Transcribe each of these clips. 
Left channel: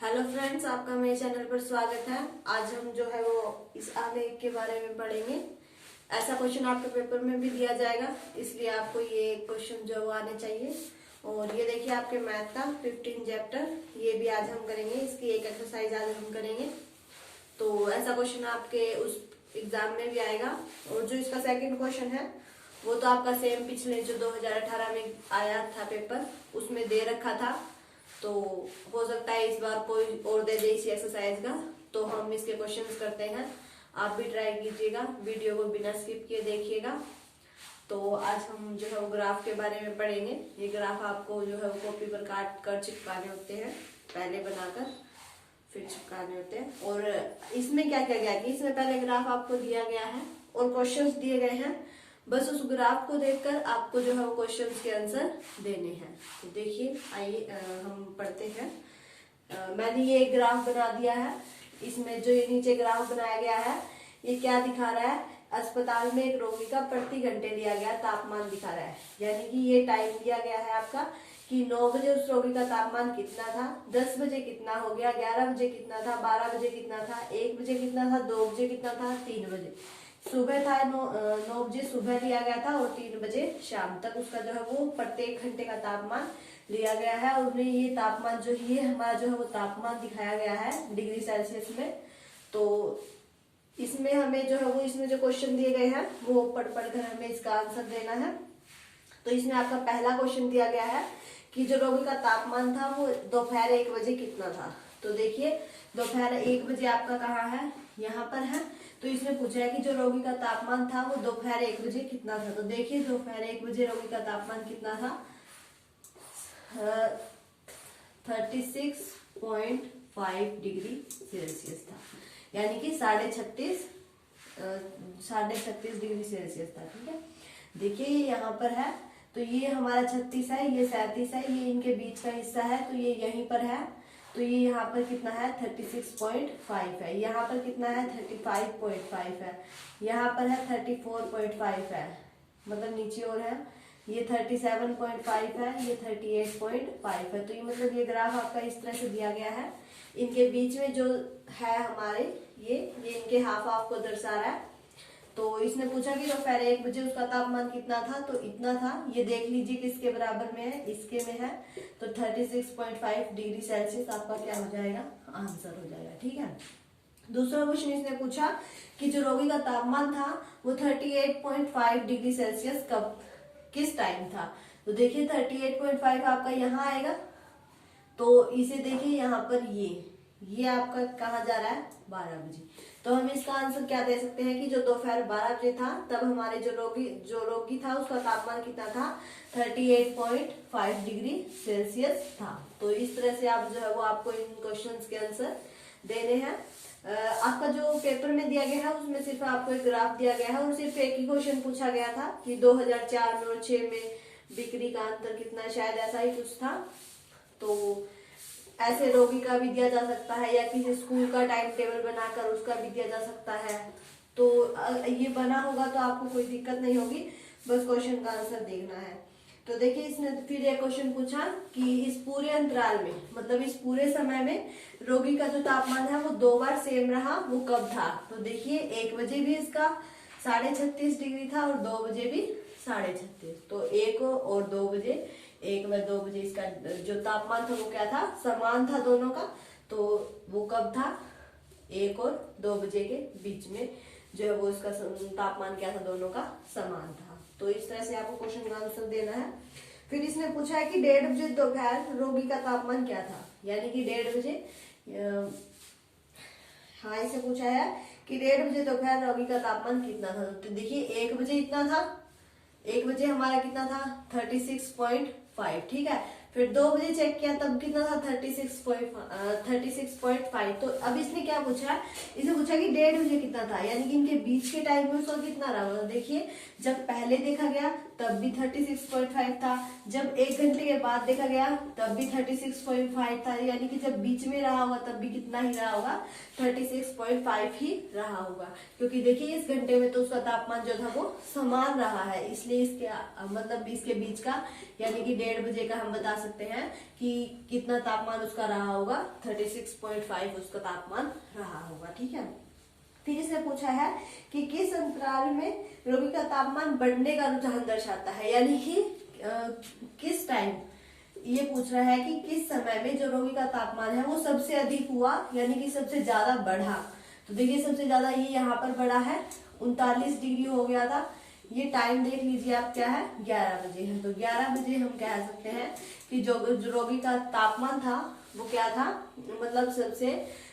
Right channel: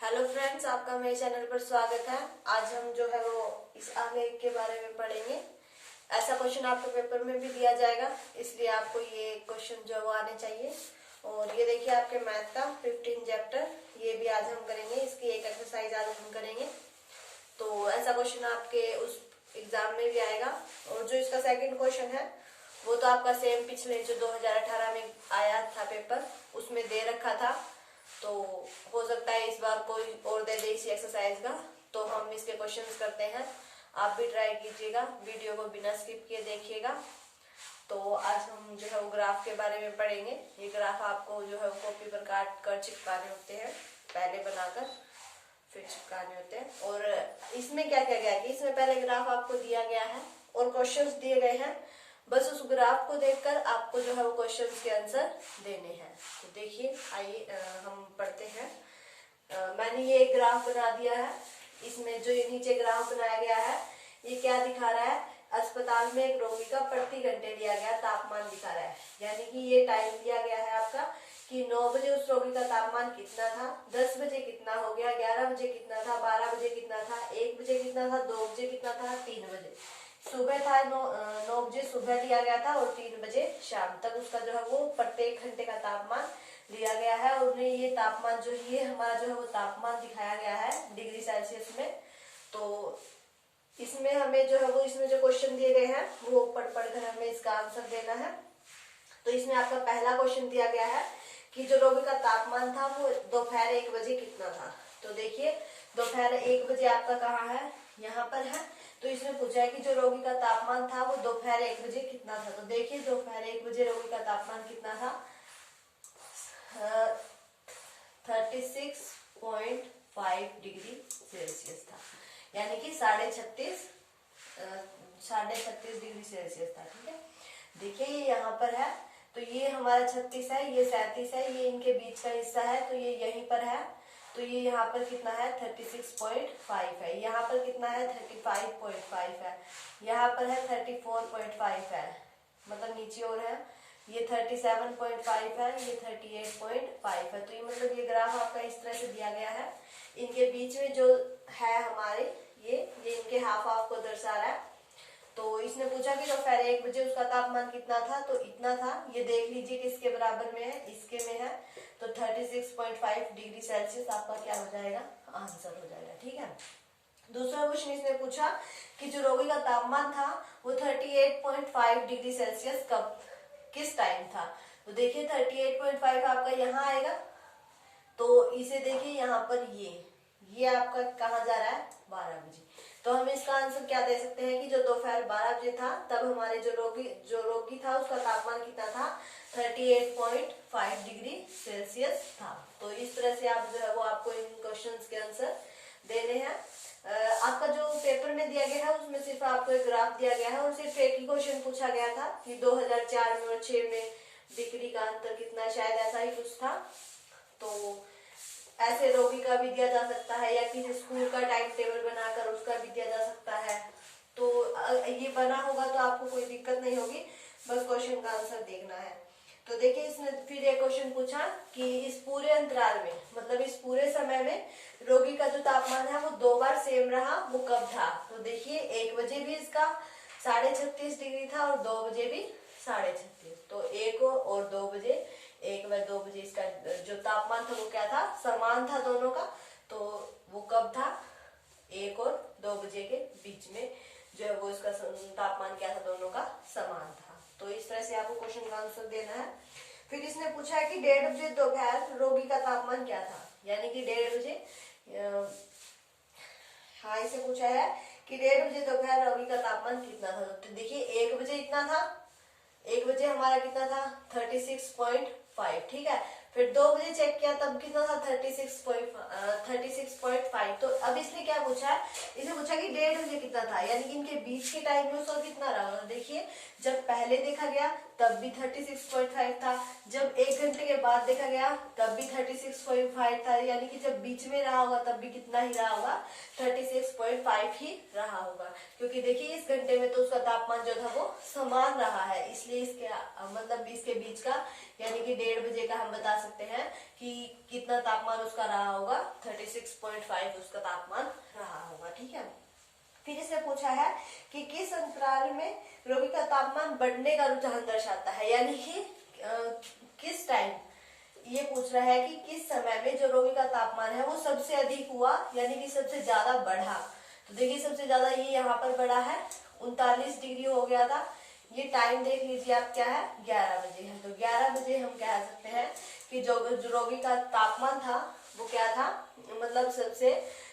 Hello friends, आपका मेरे channel पर स्वागत है। आज हम जो है वो इस आने के बारे में पढ़ेंगे। ऐसा क्वेश्चन आपके पेपर में भी दिया जाएगा, इसलिए आपको ये क्वेश्चन जो वो आने चाहिए। और ये देखिए आपके मैथ का 15 चैप्टर, ये भी आज हम करेंगे। इसकी एक एक्सरसाइज आज हम करेंगे। तो ऐसा क्वेश्चन आपके उस एग्जाम में भी आएगा। और जो इसका सेकंड क्वेश्चन है वो तो आपका सेम पिछले जो 2018 में आया था पेपर, उसमें दे रखा था। तो हो सकता है इस बार कोई और दे दे इसी एक्सरसाइज का। तो हम इसके क्वेश्चंस करते हैं, आप भी ट्राई कीजिएगा, वीडियो को बिना स्किप किए देखिएगा। तो आज हम जो है वो ग्राफ के बारे में पढ़ेंगे। ये ग्राफ आपको जो है वो कॉपी पर काट कर चिपकाने होते हैं, पहले बनाकर फिर चिपकाने होते हैं। और इसमें क्या क्या गया कि इसमें पहले ग्राफ आपको दिया गया है और क्वेश्चंस दिए गए हैं। बस उस ग्राफ को देखकर आपको जो है वो क्वेश्चंस के आंसर देने हैं। तो देखिए, आइए हम पढ़ते हैं। मैंने ये एक ग्राफ बना दिया है। इसमें जो ये नीचे ग्राफ बनाया गया है, ये क्या दिखा रहा है? अस्पताल में एक रोगी का प्रति घंटे लिया गया तापमान दिखा रहा है। यानी कि ये टाइम दिया गया है आपका कि 9 बजे उस रोगी का तापमान कितना था, 10 बजे कितना हो गया, 11 बजे कितना था, 12 बजे कितना था, 1 बजे कितना था, 2 बजे कितना था, 3 बजे सुबह था। 9 बजे सुबह लिया गया था और 3 बजे शाम तक उसका जो है वो प्रत्येक घंटे का तापमान लिया गया है। और उन्हें ये तापमान जो ये हमारा जो है वो तापमान दिखाया गया है डिग्री सेल्सियस में। तो इसमें हमें जो है वो इसमें जो क्वेश्चन दिए गए हैं वो पढ़ कर हमें इसका आंसर देना है। तो इसमें आपका पहला क्वेश्चन दिया गया है कि जो रोगी का तापमान था वो दोपहर 1 बजे कितना था। तो देखिए, दोपहर 1 बजे आपका कहाँ है? यहाँ पर है। तो इसमें पूछा है कि जो रोगी का तापमान था वो दोपहर 1 बजे कितना था। तो देखिए, दोपहर 1 बजे रोगी का तापमान कितना था? 36.5 डिग्री सेल्सियस था। यानी कि 36.5 डिग्री सेल्सियस था। ठीक है, देखिए ये यहाँ पर है। तो ये हमारा 36 है, ये 37 है, ये इनके बीच का हिस्सा है, तो ये यहीं पर है। तो ये यहाँ पर कितना है? 36.5 है। यहाँ पर कितना है? 35.5 है। यहाँ पर है 34.5 है, मतलब नीचे और है। ये 37.5 है, ये 38.5 है। तो ये मतलब ये ग्राफ आपका इस तरह से दिया गया है। इनके बीच में जो है हमारे ये इनके हाफ हाफ को दर्शा रहा है। तो इसने पूछा कि दोपहर 1 बजे उसका तापमान कितना था, तो इतना था। ये देख लीजिए किसके बराबर में है, इसके में है। तो 36.5 डिग्री सेल्सियस आपका क्या हो जाएगा? आंसर हो जाएगा। ठीक है। दूसरा क्वेश्चन इसने पूछा कि जो रोगी का तापमान था वो 38.5 डिग्री सेल्सियस कब किस टाइम था। तो देखिए 38.5 आपका यहाँ आएगा। तो इसे देखिए यहाँ पर ये आपका कहाँ जा रहा है? 12 बजे। तो हम इसका आंसर क्या दे सकते हैं कि जो दोपहर 12 बजे था तब हमारे जो रोगी था उसका तापमान कितना था? 38.5 डिग्री सेल्सियस था। तो इस तरह से आप जो है वो आपको इन क्वेश्चंस के आंसर देने हैं। आपका जो पेपर में दिया गया है उसमें सिर्फ आपको एक ग्राफ दिया गया है और सिर्फ एक ही क्वेश्चन पूछा गया था कि 2004 में और 6 में बिक्री का अंतर कितना, शायद ऐसा ही कुछ था। तो ऐसे रोगी का भी दिया जा सकता है या किसी स्कूल का टाइम टेबल बनाकर उसका भी दिया जा सकता है। तो ये बना होगा तो आपको कोई दिक्कत नहीं होगी, बस क्वेश्चन का आंसर देखना है। तो देखिए, इसने फिर एक क्वेश्चन पूछा कि इस पूरे अंतराल में, मतलब इस पूरे समय में रोगी का जो तापमान है वो 2 बार सेम रहा, वो कब था। तो देखिए 1 बजे भी इसका 36.5 डिग्री था और 2 बजे भी 36.5। तो 1 और 2 बजे, 1 व 2 बजे इसका जो तापमान था वो क्या था? समान था दोनों का। तो वो कब था? 1 और 2 बजे के बीच में जो है वो इसका तापमान क्या था? दोनों का समान था। तो इस तरह से आपको क्वेश्चन का आंसर देना है। फिर इसने पूछा है कि 1:30 बजे दोपहर रोगी का तापमान क्या था। यानी कि 1:30 बजे, हाँ इसे पूछा है कि 1:30 बजे दोपहर रोगी का तापमान कितना था। तो देखिए 1 बजे इतना था, 1 बजे हमारा कितना था? 36.5। ठीक है। फिर 2 बजे चेक किया तब कितना था? 36.5। तो अब इसने क्या पूछा है? इसने पूछा कि 1:30 बजे कितना था, यानी कि इनके बीच के टाइम में उसका कितना रहा। देखिए, जब पहले देखा गया तब भी 36.5 था, जब 1 घंटे के बाद देखा गया तब भी 36.5 था, यानी कि जब बीच में रहा होगा तब भी कितना ही रहा होगा, 36.5 ही रहा होगा। क्योंकि देखिए इस घंटे में तो उसका तापमान जो था वो समान रहा है, इसलिए इसके मतलब इसके बीच का यानी कि 1:30 बजे का हम बता सकते हैं कि कितना तापमान उसका रहा होगा, 36.5 उसका तापमान रहा होगा। ठीक है, फिर इसने पूछा है कि किस अंतराल में रोगी का तापमान बढ़ने का रुझान दर्शाता है, यानी कि किस टाइम, ये पूछ रहा है कि किस समय में जो रोगी का तापमान है वो सबसे अधिक हुआ, यानी कि सबसे ज्यादा बढ़ा। तो देखिए सबसे ज्यादा ये यहाँ पर बढ़ा है, 39 डिग्री हो गया था। ये टाइम देख लीजिए आप, क्या है, 11 बजे है। तो 11 बजे हम कह सकते हैं कि जो रोगी का तापमान था वो क्या था, मतलब सबसे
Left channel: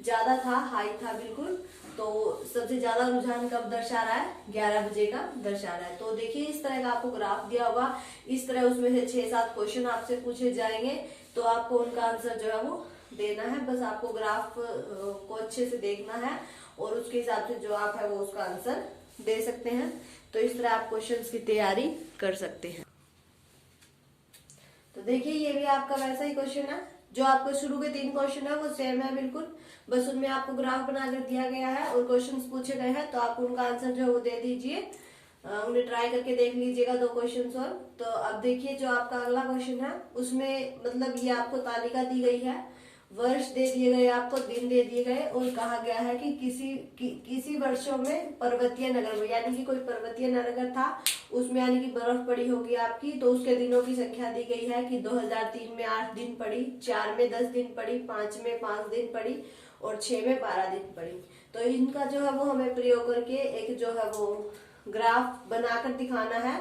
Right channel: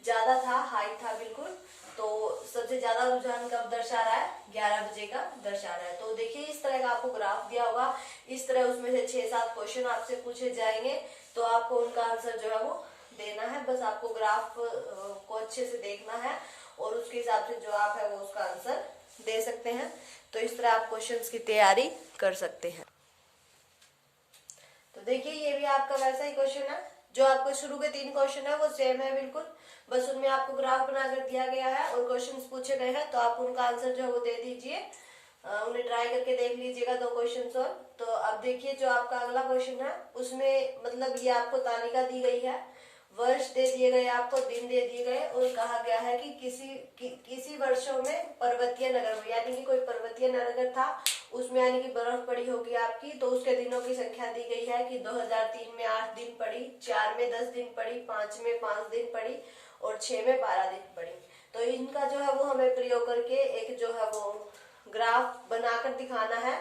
ज्यादा था, हाई था बिल्कुल। तो सबसे ज्यादा रुझान कब दर्शा रहा है, 11 बजे का दर्शा रहा है। तो देखिए इस तरह का आपको ग्राफ दिया होगा, इस तरह उसमें से 6-7 क्वेश्चन आपसे पूछे जाएंगे, तो आपको उनका आंसर जो है वो देना है। बस आपको ग्राफ को अच्छे से देखना है और उसके हिसाब से जो आप है वो उसका आंसर दे सकते हैं। तो इस तरह आप क्वेश्चंस की तैयारी कर सकते हैं। तो देखिए ये भी आपका वैसा ही क्वेश्चन है, जो आपको शुरू के 3 क्वेश्चन है वो सेम है बिल्कुल, बस उनमें आपको ग्राफ बनाकर दिया गया है और क्वेश्चंस पूछे गए हैं, तो आप उनका आंसर जो है वो दे दीजिए। उन्हें ट्राई करके देख लीजिएगा 2 क्वेश्चन और। तो अब देखिए जो आपका अगला क्वेश्चन है उसमें मतलब ये आपको तालिका दी गई है, वर्ष दे दिए गए, आपको दिन दे दिए गए और कहा गया है कि किसी वर्षों में पर्वतीय नगर में, यानी कि कोई पर्वतीय नगर था उसमें यानी कि बर्फ पड़ी होगी आपकी, तो उसके दिनों की संख्या दी गई है कि 2003 में 8 दिन पड़ी, 4 में 10 दिन पड़ी, 5 में 5 दिन पड़ी और 6 में 12 दिन पड़ी। तो इनका जो है वो हमें प्रयोग करके एक जो है वो ग्राफ बनाकर दिखाना है।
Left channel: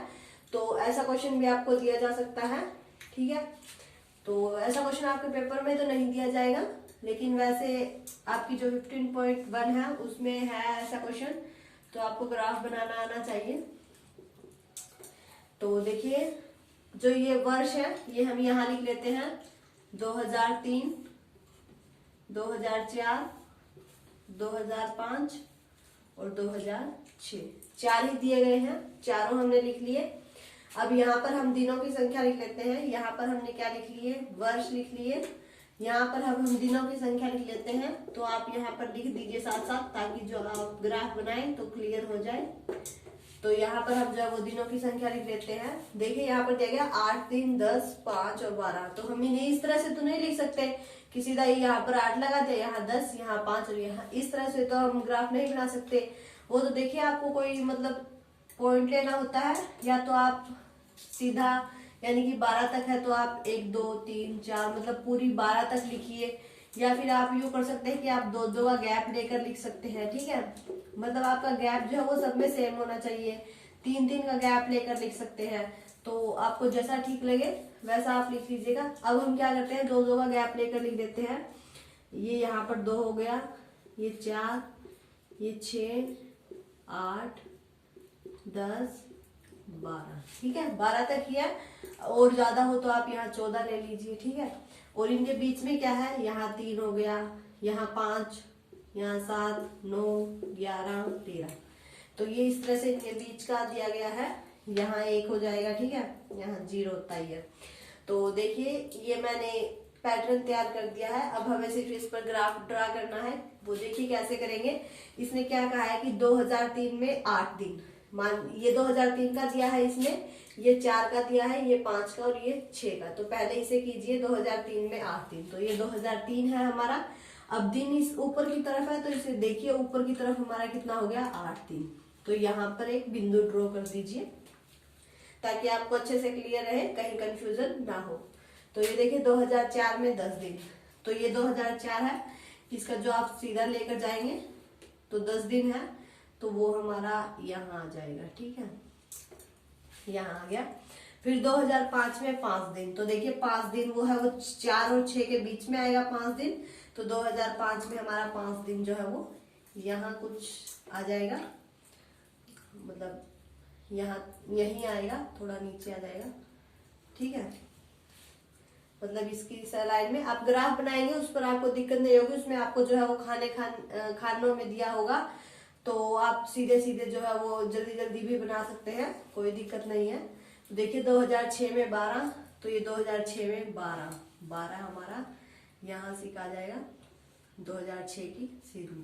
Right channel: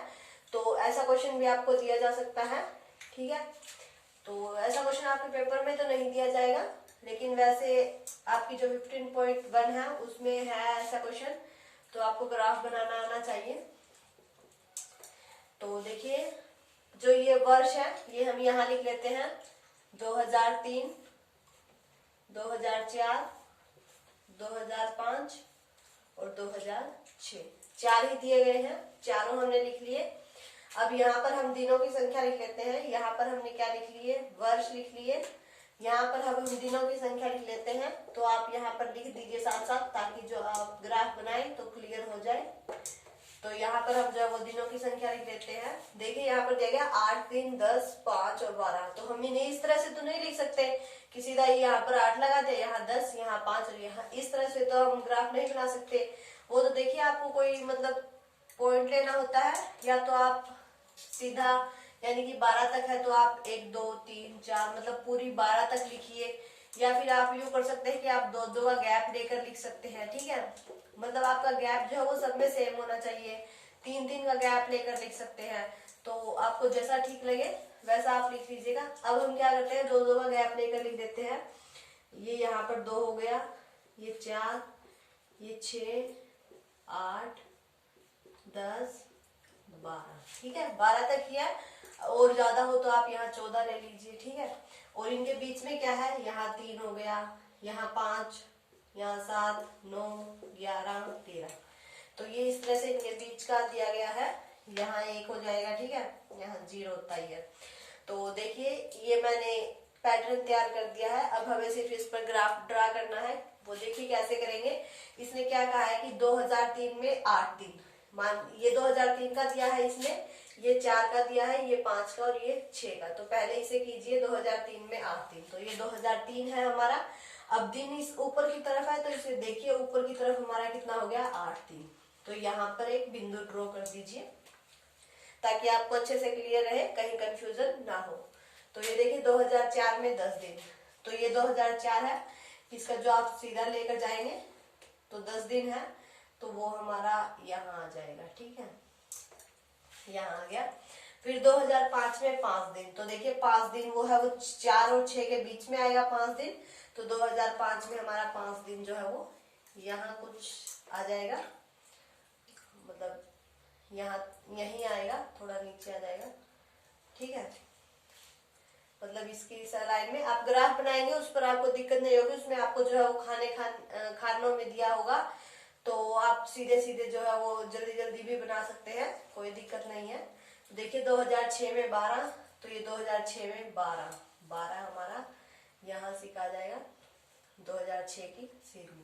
तो ऐसा क्वेश्चन भी आपको दिया जा सकता है। ठीक है, तो ऐसा क्वेश्चन आपके पेपर में तो नहीं दिया जाएगा, लेकिन वैसे आपकी जो 15.1 है उसमें है ऐसा क्वेश्चन, तो आपको ग्राफ बनाना आना चाहिए। तो देखिए जो ये वर्ष है ये हम यहाँ लिख लेते हैं, 2003, 2004, 2005 और 2006, 4 ही दिए गए हैं, चारों हमने लिख लिए। अब यहाँ पर हम दिनों की संख्या लिख लेते हैं, यहाँ पर हमने क्या लिख लिए, वर्ष लिख लिए, यहाँ पर हम दिनों की संख्या लिख लेते हैं। तो आप यहाँ पर लिख दीजिए साथ साथ, ताकि जो आप ग्राफ बनाएं तो क्लियर हो जाए। तो यहाँ पर हम जो वो दिनों की संख्या लिख लेते हैं। देखिए यहाँ पर दिया गया 8, 3, 10, 5 और 12। तो हम इन्हें इस तरह से तो नहीं लिख सकते कि सीधा यहाँ पर 8 लगा दे, यहाँ 10, यहाँ 5 और यहाँ, इस तरह से तो हम ग्राफ नहीं बना सकते। वो तो देखिए आपको कोई मतलब पॉइंट लेना होता है, या तो आप सीधा यानी कि 12 तक है तो आप 1, 2, 3, 4 मतलब पूरी 12 तक लिखिए, या फिर आप यूँ कर सकते हैं कि आप 2-2 का गैप लेकर लिख सकते हैं। ठीक है, मतलब आपका गैप जो है वो सब में सेम होना चाहिए, 3-3 का गैप लेकर लिख सकते हैं। तो आपको जैसा ठीक लगे वैसा आप लिख लीजिएगा। अब हम क्या करते हैं, 2-2 का गैप लेकर लिख देते हैं। ये यहाँ पर 2 हो गया, ये 4, ये 6, 8, 10, 12। ठीक है, 12 तक ही है, और ज्यादा हो तो आप यहाँ 14 ले लीजिए। ठीक है, और इनके बीच में क्या है, यहाँ 3 हो गया, यहाँ 5, यहाँ 7, 9, 11, 13। तो ये इस तरह से इनके बीच का दिया गया है, यहाँ 1 हो जाएगा। ठीक है, यहाँ 0 होता ही है। तो देखिए ये मैंने पैटर्न तैयार कर दिया है। अब हमें सिर्फ इस पर ग्राफ ड्रा करना है, वो देखिए कैसे करेंगे। इसने क्या कहा है कि 2003 में 8 दिन, मान ये 2003 का दिया है इसने, ये 4 का दिया है, ये 5 का और ये 6 का। तो पहले इसे कीजिए 2003 में 8 दिन, तो ये 2003 है हमारा। अब दिन इस ऊपर की तरफ है, तो इसे देखिए ऊपर की तरफ हमारा कितना हो गया, 8 दिन। तो यहाँ पर एक बिंदु ड्रॉ कर दीजिए ताकि आपको अच्छे से क्लियर रहे, कहीं कंफ्यूजन ना हो। तो ये देखिए 2004 में 10 दिन, तो ये 2004 है, इसका जो आप सीधा लेकर जाएंगे तो 10 दिन है, तो वो हमारा यहाँ आ जाएगा। ठीक है, यहाँ आ गया। फिर 2005 में 5 दिन, तो देखिए 5 दिन वो है वो 4 और 6 के बीच में आएगा 5 दिन। तो 2005 में हमारा 5 दिन जो है वो यहाँ कुछ आ जाएगा, मतलब यहाँ यहीं आएगा, थोड़ा नीचे आ जाएगा। ठीक है, मतलब इसकी इस लाइन में आप ग्राफ बनाएंगे उस पर आपको दिक्कत नहीं होगी, उसमें आपको जो है वो खानों में दिया होगा, तो आप सीधे सीधे जो है वो जल्दी जल्दी भी बना सकते हैं, कोई दिक्कत नहीं है। तो देखिए 2006 में 12, तो ये 2006 में 12 हमारा यहाँ से आ जाएगा 2006 की सीध में।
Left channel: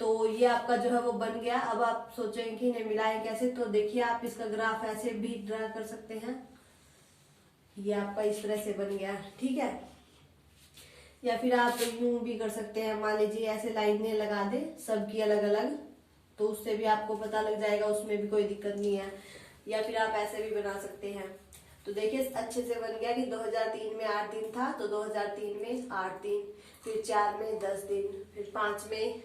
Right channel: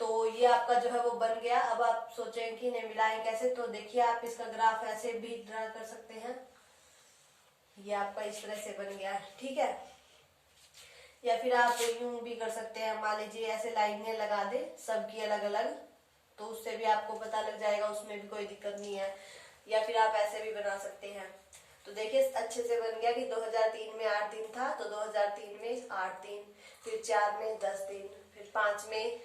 तो ये आपका जो है वो बन गया। अब आप सोचेंगे कि नहीं मिलाएं कैसे, तो देखिए आप इसका ग्राफ ऐसे भी ड्रा कर सकते हैं। ये आपका इस तरह से बन गया, ठीक है। या फिर आप यूं भी कर सकते हैं, मान लीजिए ऐसे लाइनें लगा दे सबकी अलग अलग, तो उससे भी आपको पता लग जाएगा, उसमें भी कोई दिक्कत नहीं है। या फिर आप ऐसे भी बना सकते हैं। तो देखिए अच्छे से बन गया कि 2003 में 8 दिन था, तो 2003 में 8 दिन, फिर 4 में 10 दिन, फिर 5 में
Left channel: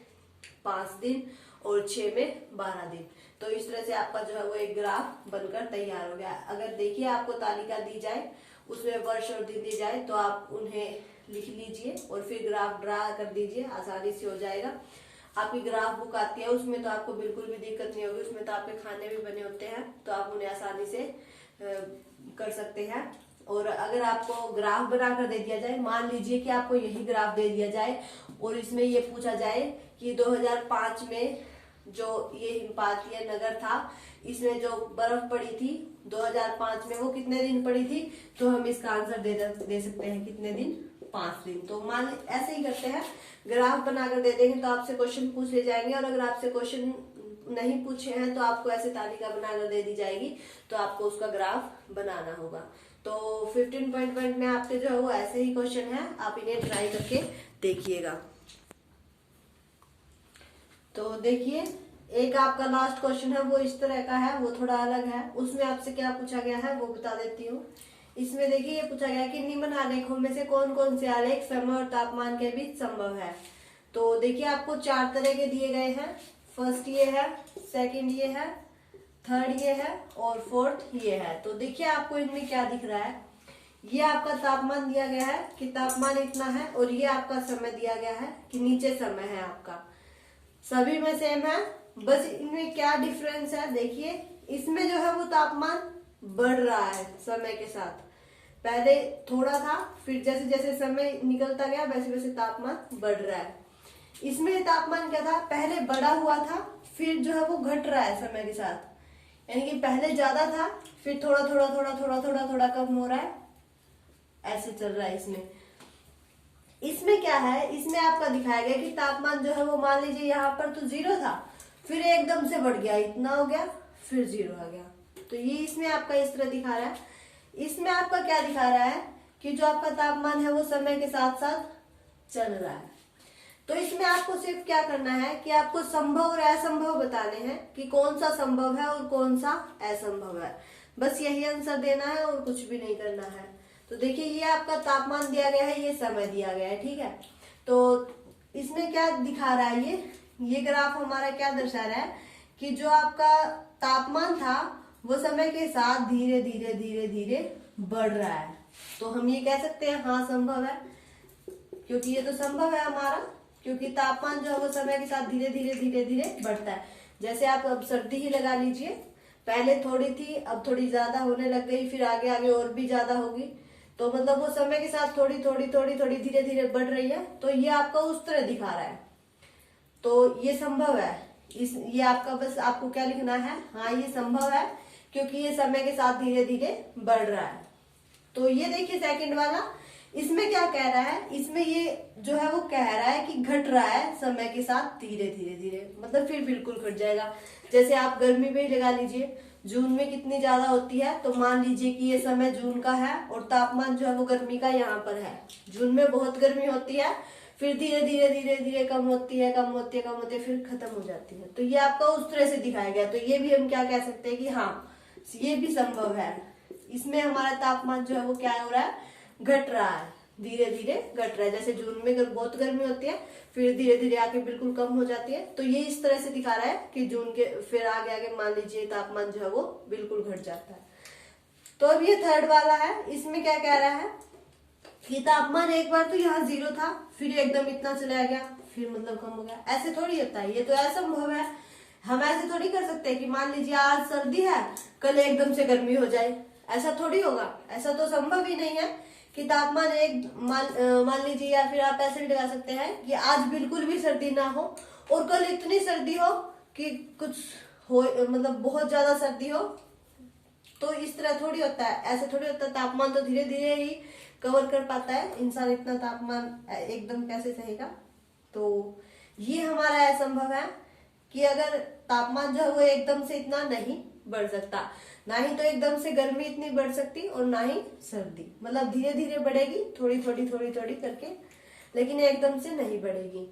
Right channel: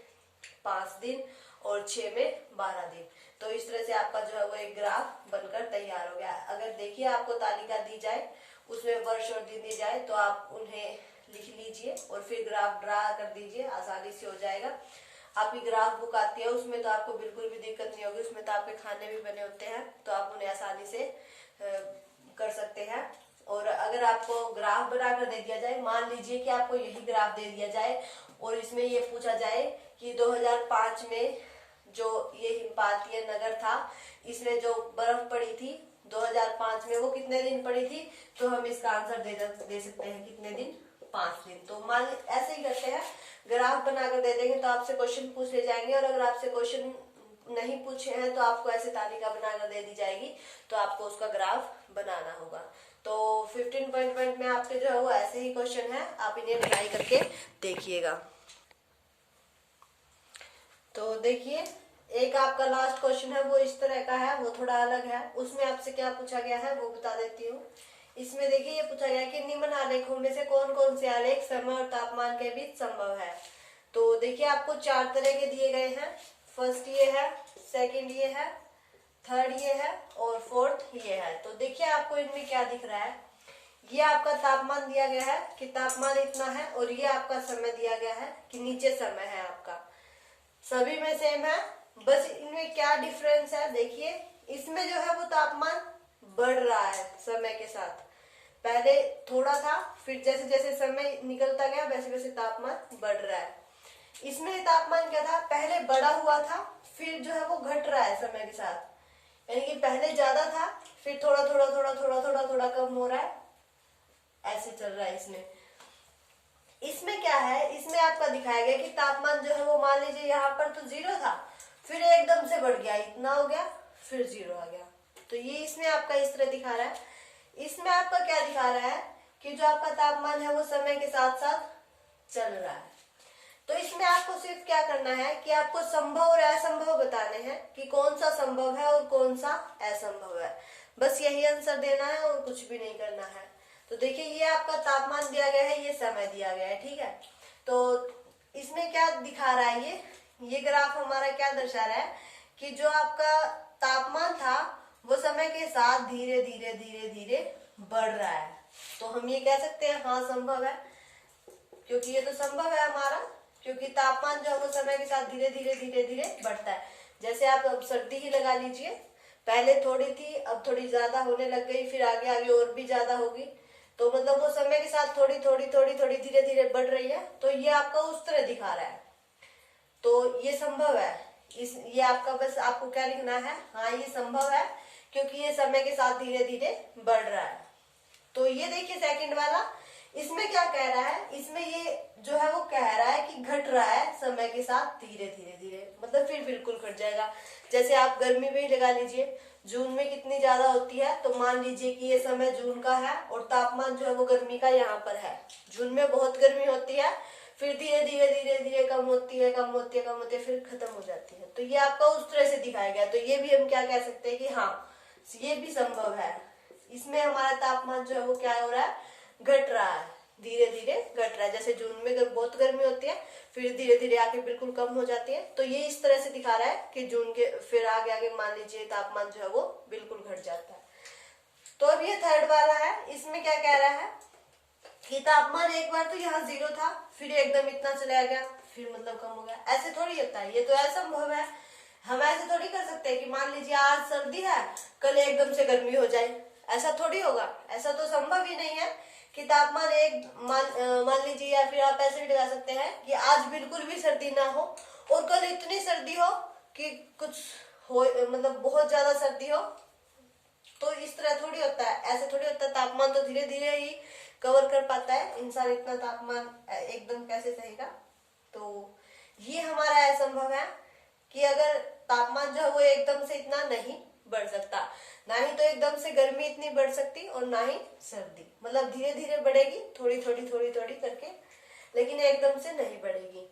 5 दिन और 6 में 12 दिन। तो इस तरह से आपका जो है वो एक ग्राफ बनकर तैयार हो गया। अगर देखिए आपको तालिका दी जाए, उसमें वर्ष और दिन दी जाए, तो आप उन्हें लिख लीजिए और फिर ग्राफ ड्रा कर दीजिए, आसानी से हो जाएगा। आपकी ग्राफ बुक आती है, उसमें तो आपको बिल्कुल भी दिक्कत नहीं होगी, उसमें तो आपके खाने भी बने होते हैं, तो आप उन्हें आसानी से कर सकते हैं। और अगर आपको ग्राफ बना कर दे दिया जाए, मान लीजिए कि आपको यही ग्राफ दे दिया जाए और इसमें ये पूछा जाए कि 2005 में जो ये हिमपातीय नगर था, इसमें जो बर्फ पड़ी थी 2005 में, वो कितने दिन पड़ी थी, तो हम इसका आंसर दे सकते हैं कितने दिन, 5 दिन। तो मान ऐसे ही करते हैं, ग्राफ बनाकर दे देंगे तो आपसे क्वेश्चन पूछ ले जाएंगे, और अगर आपसे क्वेश्चन नहीं पूछे हैं तो आपको ऐसे तालिका बनाकर दे दी जाएगी, तो आपको उसका ग्राफ बनाना होगा। तो 15 में आपके जो है वो ऐसे ही क्वेश्चन है, आप इन्हें ट्राई करके देखिएगा। तो देखिए एक आपका लास्ट क्वेश्चन है, वो इस तरह का है, वो थोड़ा अलग है। उसमें आपसे क्या पूछा गया है वो बता देती हूँ। इसमें देखिए ये पूछा गया कि निम्न आलेखों में से कौन कौन से आलेख समय और तापमान के बीच संभव है। तो देखिए आपको 4 तरह के दिए गए हैं। फर्स्ट ये है, सेकंड ये है, थर्ड ये है और फोर्थ ये है। तो देखिए आपको इनमें क्या दिख रहा है, ये आपका तापमान दिया गया है कि तापमान इतना है, और ये आपका समय दिया गया है कि नीचे समय है आपका। सभी में सेम है, बस इनमें क्या डिफरेंस है, देखिए इसमें जो है वो तापमान बढ़ रहा है समय के साथ। पहले थोड़ा था, फिर जैसे जैसे समय निकलता गया वैसे वैसे तापमान बढ़ रहा है। इसमें तापमान क्या था, पहले बढ़ा हुआ था, फिर जो है वो घट रहा है समय के साथ। यानी कि पहले ज्यादा था, फिर थोड़ा थोड़ा थोड़ा थोड़ा थोड़ा थोड़ा कम हो रहा है, ऐसे चल रहा है। इसमें क्या है, इसमें आपका दिखाया गया कि तापमान जो है वो मान लीजिए यहाँ पर तो 0 था, फिर एकदम से बढ़ गया, इतना हो गया, फिर 0 आ गया। तो ये इसमें आपका इस तरह दिखा रहा है। इसमें आपका क्या दिखा रहा है कि जो आपका तापमान है वो समय के साथ साथ चल रहा है। तो इसमें आपको सिर्फ क्या करना है कि आपको संभव और असंभव बताने हैं कि कौन सा संभव है और कौन सा असंभव है। बस यही आंसर देना है और कुछ भी नहीं करना है। तो देखिए ये आपका तापमान दिया गया है, ये समय दिया गया है, ठीक है। तो इसमें क्या दिखा रहा है, ये ग्राफ हमारा क्या दर्शा रहा है कि जो आपका तापमान था वो समय के साथ धीरे धीरे धीरे धीरे बढ़ रहा है। तो हम ये कह सकते हैं हाँ संभव है, क्योंकि ये तो संभव है हमारा, क्योंकि तापमान जो है वो समय के साथ धीरे धीरे धीरे धीरे बढ़ता है। जैसे आप अब सर्दी ही लगा लीजिए, पहले थोड़ी थी, अब थोड़ी ज्यादा होने लग गई, फिर आगे आगे और भी ज्यादा होगी। तो मतलब वो समय के साथ थोड़ी थोड़ी थोड़ी थोड़ी धीरे धीरे बढ़ रही है। तो ये आपका उस तरह दिखा रहा है, तो ये संभव है। ये आपका बस आपको क्या लिखना है, हाँ ये संभव है, क्योंकि ये समय के साथ धीरे धीरे बढ़ रहा है। तो ये देखिए सेकंड वाला, इसमें क्या कह रहा है, इसमें ये जो है वो कह रहा है कि घट रहा है समय के साथ धीरे धीरे धीरे, मतलब फिर बिल्कुल घट जाएगा। जैसे आप गर्मी में ही लगा लीजिए, जून में कितनी ज्यादा होती है, तो मान लीजिए कि ये समय जून का है और तापमान जो है वो गर्मी का यहाँ पर है। जून में बहुत गर्मी होती है, फिर धीरे धीरे धीरे धीरे कम होती है, कम होती है, कम होती है, फिर खत्म हो जाती है। तो ये आपका उस तरह से दिखाया गया। तो ये भी हम क्या कह सकते हैं कि हाँ ये भी संभव है। इसमें हमारा तापमान जो है वो क्या हो रहा है, घट रहा है, धीरे धीरे घट रहा है। जैसे जून में बहुत गर्मी होती है, फिर धीरे धीरे आके बिल्कुल कम हो जाती है। तो ये इस तरह से दिखा रहा है कि जून के फिर आगे आगे मान लीजिए तापमान जो है वो बिल्कुल घट जाता है। तो अब ये थर्ड वाला है, इसमें क्या कह रहा है कि तापमान एक बार तो यहाँ 0 था, फिर एकदम इतना चला गया, फिर मतलब कम हो गया। ऐसे थोड़ी होता है, ये तो असंभव है। हम ऐसे थोड़ी कर सकते हैं कि मान लीजिए आज सर्दी है, कल एकदम से गर्मी हो जाए, ऐसा थोड़ी होगा। ऐसा तो संभव ही नहीं है कि तापमान एक मान लीजिए, या फिर आप ऐसे भी लगा सकते हैं कि आज बिल्कुल भी सर्दी ना हो और कल इतनी सर्दी हो कि कुछ हो, मतलब बहुत ज्यादा सर्दी हो तो इस तरह थोड़ी होता है, ऐसे थोड़ी होता है। तापमान तो धीरे धीरे ही कवर कर पाता है, इंसान इतना तापमान एकदम कैसे सहेगा। तो ये हमारा असंभव है कि अगर तापमान जो है वो एकदम से इतना नहीं बढ़ सकता, ना ही तो एकदम से गर्मी इतनी बढ़ सकती और ना ही सर्दी, मतलब धीरे धीरे बढ़ेगी, थोड़ी थोड़ी थोड़ी थोड़ी करके, लेकिन एकदम से नहीं बढ़ेगी।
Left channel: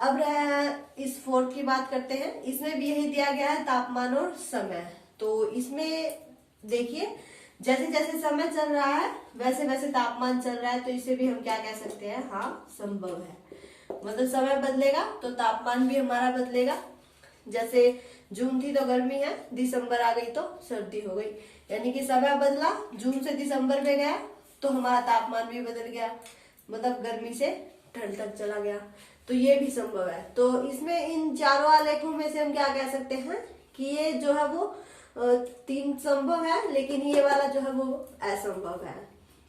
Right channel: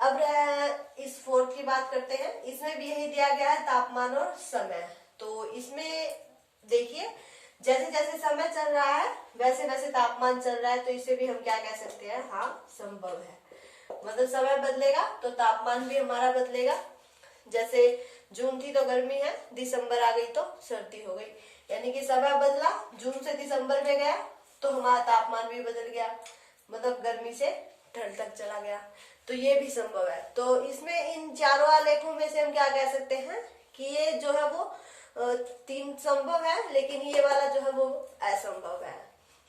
अब इस फोर्थ की बात करते हैं। इसमें भी यही दिया गया है, तापमान और समय। तो इसमें देखिए, जैसे जैसे समय चल रहा है वैसे वैसे तापमान चल रहा है, तो इसे भी हम क्या कह सकते हैं, हाँ संभव है। मतलब समय बदलेगा तो तापमान भी हमारा बदलेगा। जैसे जून थी तो गर्मी है, दिसंबर आ गई तो सर्दी हो गई, यानी कि समय बदला, जून से दिसंबर में गया तो हमारा तापमान भी बदल गया, मतलब गर्मी से ठंड तक चला गया। तो ये भी संभव है। तो इसमें इन चारों आलेखों में से हम क्या कह सकते हैं कि ये जो है वो 3 संभव है, लेकिन ये वाला जो है वो असंभव है।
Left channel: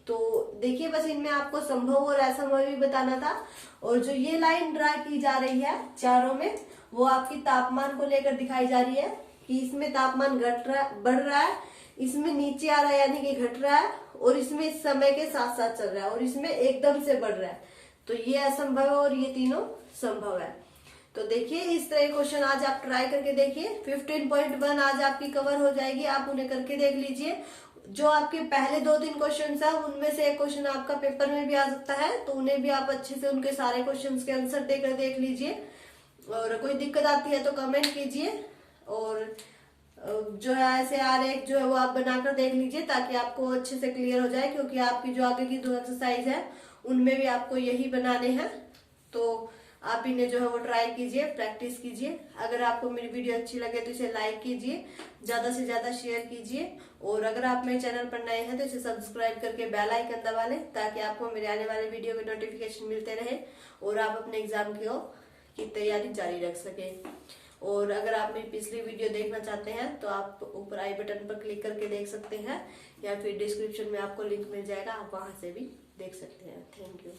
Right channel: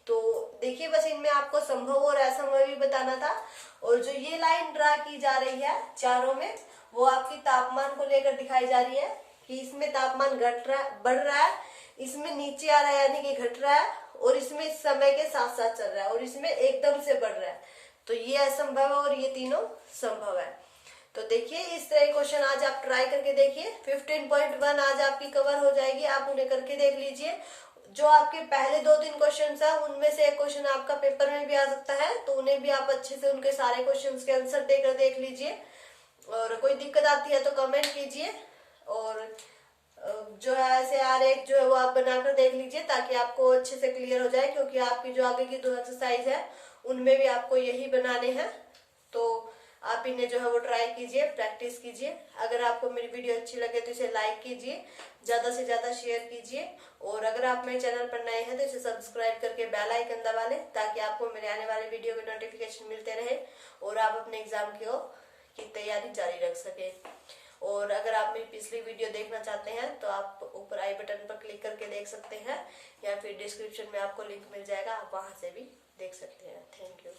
तो देखिए, बस इनमें आपको संभव और असंभव भी बताना था। और जो ये लाइन ड्रा की जा रही है चारों में, वो आपकी तापमान को लेकर दिखाई जा रही है कि इसमें तापमान बढ़ रहा है, इसमें नीचे आ रहा है यानी कि घट रहा है, और इसमें समय के साथ साथ चल रहा है, और इसमें एकदम से बढ़ रहा है। तो ये असंभव है और ये तीनों संभव है। तो देखिए, इस तरह क्वेश्चन आज आप ट्राई करके देखिए। 15.1 आज आपकी कवर हो जाएगी, आप उन्हें करके देख लीजिए। जो आपके पहले 2-3 क्वेश्चन है उनमें से एक क्वेश्चन आपका पेपर में भी आ सकता है, तो उन्हें भी आप अच्छे से उनके सारे क्वेश्चन के आंसर देकर देख लीजिए। और कोई दिक्कत आती है तो कमेंट कीजिए, और जो है ऐसे आरेख जो है वो आप बनाकर देख लीजिए ताकि आपको अच्छे से क्लियर हो जाए, क्योंकि आपकी जो आगे की 2 एक्सरसाइज है उनमें भी आपको यही बनाने हैं। तो आप इन्हें जो है वो ट्राई कीजिए, प्रैक्टिस कीजिए। अगर आपको मेरी वीडियो अच्छी लगे तो इसे लाइक कीजिए, ज्यादा से ज्यादा शेयर कीजिए, और अगर आप मेरे चैनल पर नए हैं तो इसे सब्सक्राइब करके बेल आइकन दबा लें ताकि आपको मेरे आने वाले वीडियो के नोटिफिकेशन मिलते रहे और आप अपने एग्जाम की तैयारी जारी रख सकें। और अगर आप मेरी पिछली वीडियो देखना चाहते हैं तो आप ऊपर आई बटन पर क्लिक करके देख सकते हैं, या फिर डिस्क्रिप्शन में आपको लिंक मिल जाएगा, आप वहां से भी देख सकते हैं। Thank you.